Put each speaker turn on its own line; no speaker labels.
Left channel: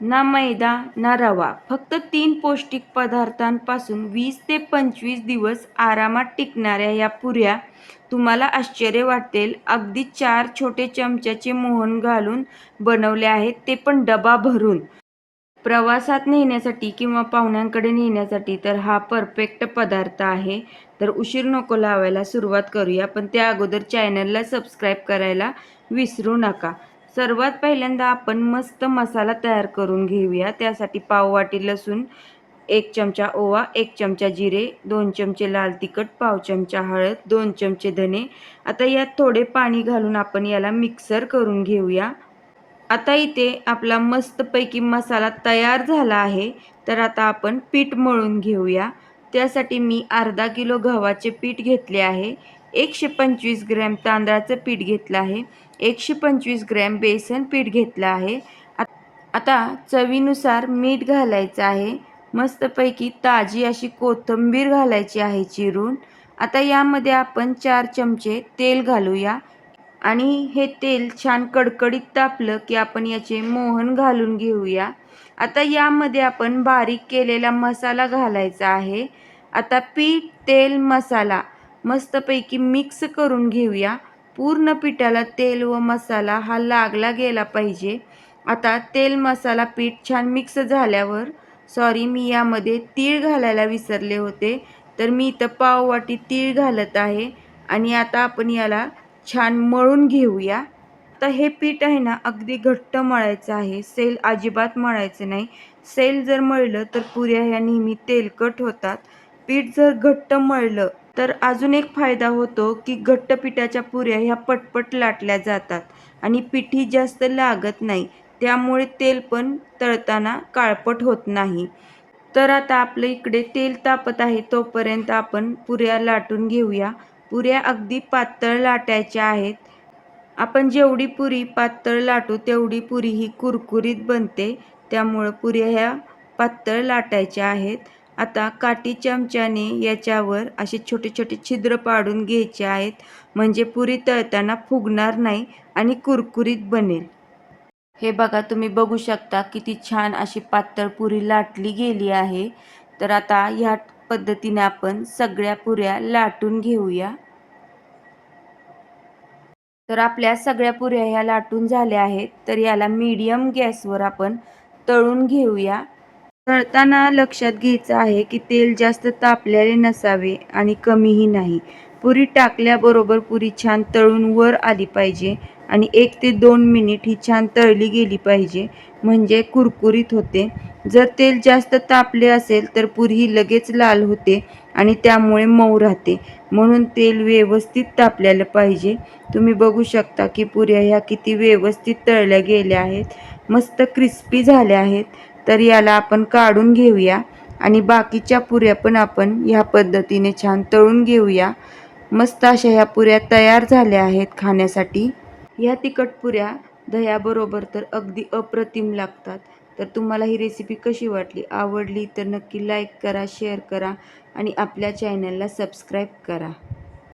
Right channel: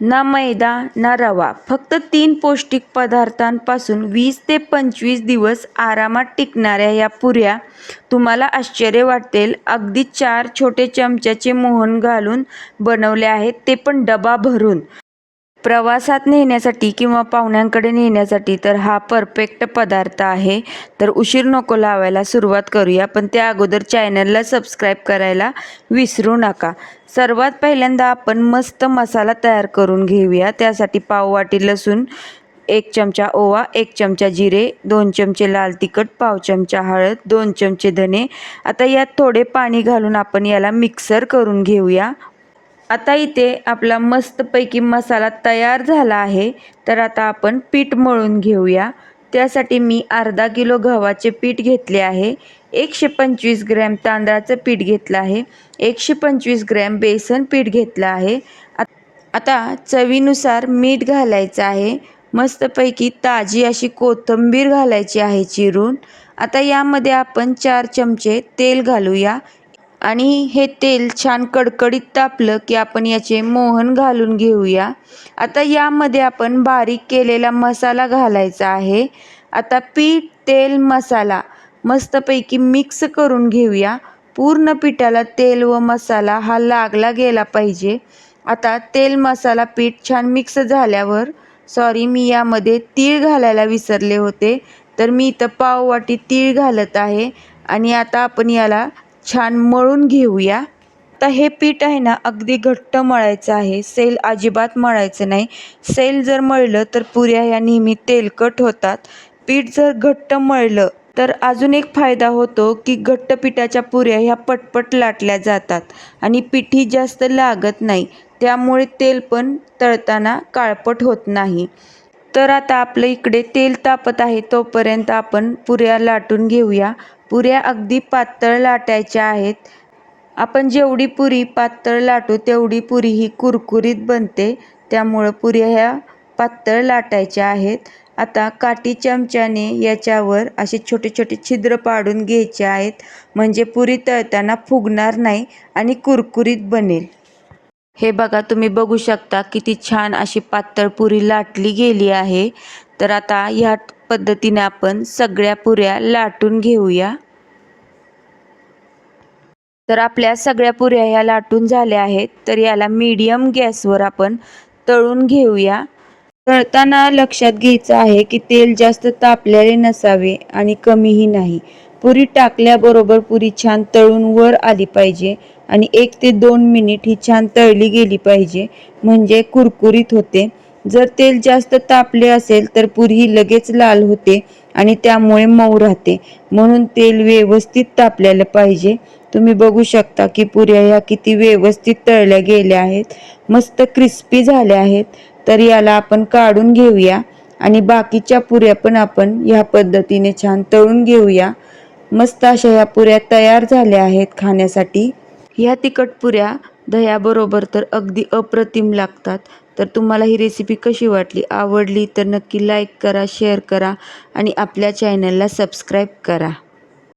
ना मैदा ना रवा. फक्त तीन पौष्टिक पदार्थांपासून वीस ते पंचवीस दिवस आरामात टिकणाऱ्या या पुऱ्या तुम्हाला आश्चर्य वाटेल. अगदी चार छोटे चमच्याचे मोहन घालून बनवले आहेत. ते पण डबा भरून. प्रवासात नेण्यासाठी किंवा पाहुण्यांकडे नेण्यासाठी तर हा परफेक्ट पदार्थ आहे. तर उशीर नको लावायला सुरुवात करूया पण त्या अगोदर चॅनलला सबस्क्राईब करायला विसरू नका. सर्वात पहिल्यांदा आपण मस्त मसाला तयार करून घेऊया. त्यासाठी पाववाटी लसूण एक चमचा ओवा एक चमचा जिरे दोन चमचे लाल तिखट पाव चमचा हळद दोन चमचे धने. आता यात थोडे पाणी घालून आपण याला मिक्सर करून घेऊया. आता इथे आपला मस्तपैकी मसाला तयार झाला आहे. तर आता आपण पीठ मळून घेऊया. त्यासाठी मी अर्धा किलो गव्हाचे पीठ घेतले आहे. एकशे पंचवीस ग्रॅम तांदळाचं पीठ घेतलं आहे. एकशे पंचवीस ग्रॅम बेसन पीठ घेतलं आहे. आता चवीनुसार मीठ घालायचं आहे. मस्तपैकी ताजी अशी कोथिंबीर घालायची आहे चिरून. आता यामध्ये आपण चार चमचे तेल घालूया. आणि हे तेल छान कडकडीत तापलं की आपण याचे मोहन घालून घेऊया. आता यामध्ये आपण बारीक केलेला मसाला घालायचा आहे. आता पीठ तेल मसाला मस्तपैकी मिक्स करून घेऊया. पूर्ण पिठाला तेल व मसाला हा लागला गेला पाहिजे. आता तेल मसाला पीठ छान मिक्स झाल्यावर सॉरी मी यामध्ये तीळ घालायला विसरले होते. तर मी इथं पाववाटी तीळ घालत आहे. आणि आता आपण याला छान मळून घेऊया. तर हे पीठ आहे ना अगदी घट्ट मळायचं आहे. सेल अजिबात मळायचं नाही. सेल जर मळलं तर पुऱ्या ह्या नेहमी तेलकट होतात. पीठ जर घट्ट मळलं तर अजून एक फायदा होतो की घट्ट पिठाच्या पुऱ्या ह्या पटपट लाटल्या जातात आणि पिठी जास्त लागत नाही. त्यामुळे तेल पण तळताना काळपट होत नाही. तर आता आपलं इकडे तेल तापत आहे तोपर्यंत आपण पुऱ्या लाटून घेऊया. पुऱ्या अगदी पातळ लाटायच्या आहेत. आपण जेवढी पुरी पातळ लाटू तेवढी पुरी ही कुरकुरीत बनते. त्यामुळं पुऱ्या ह्या पातळ लाटायच्या आहेत. आता काठी चमच्याने याच्यावर असे छोटे छोटे छिद्र पाडून घ्यायचे आहेत. म्हणजे पुरी तळताना फुगणार नाही आणि कुरकुरीत बनेल. हे बघा तुम्ही बघू शकता किती छान अशी पातळ पुरी लाटली गेली आहे. तर आता ह्या पद्धतीने आपण सगळ्या पुऱ्या लाटून घेऊया. तर आपल्या सगळ्या पुऱ्या ह्या लाटून झाल्या आहेत. तर याला मीडियम गॅसवर आपण तळून घेऊया. तळताना लक्षात घ्यायचं आहे की तेल जास्त तापलेले नसावे आणि कमीही नाही. पुरी टाकल्याबरोबर पुरी छान तळून वर आली पाहिजे आणि एक ते दोन मिनिट ही छान तळली गेली पाहिजे. म्हणजे कुरकुरीत होते. जर तेल जास्त तापले असेल तर पुरी ही लगेच लाल होते आणि त्यामुळे मऊ राहते. म्हणून तेल व्यवस्थित तापलेलं पाहिजे. तुम्ही बघू शकता की पुऱ्या ह्या किती व्यवस्थित तळल्या गेल्या आहेत. मस्त क्रिस्पी झाल्या आहेत. तर याला आपण काढून घेऊया आणि बाकीच्या पुऱ्या पण आपण ह्या पद्धतीने छान तळून घेऊया. मस्त अशा ह्या पुऱ्या तयार झाल्या आहेत खाण्यासाठी. ह्या तिखट पुऱ्या दह्याबरोबर तर अगदी अप्रतिम लागतात. तर तुम्हाला ही रेसिपी कशी वाटली? आवडली तर नक्की लाईक करा शेअर करा आणि आपल्या चॅनलला सबस्क्राईब करा.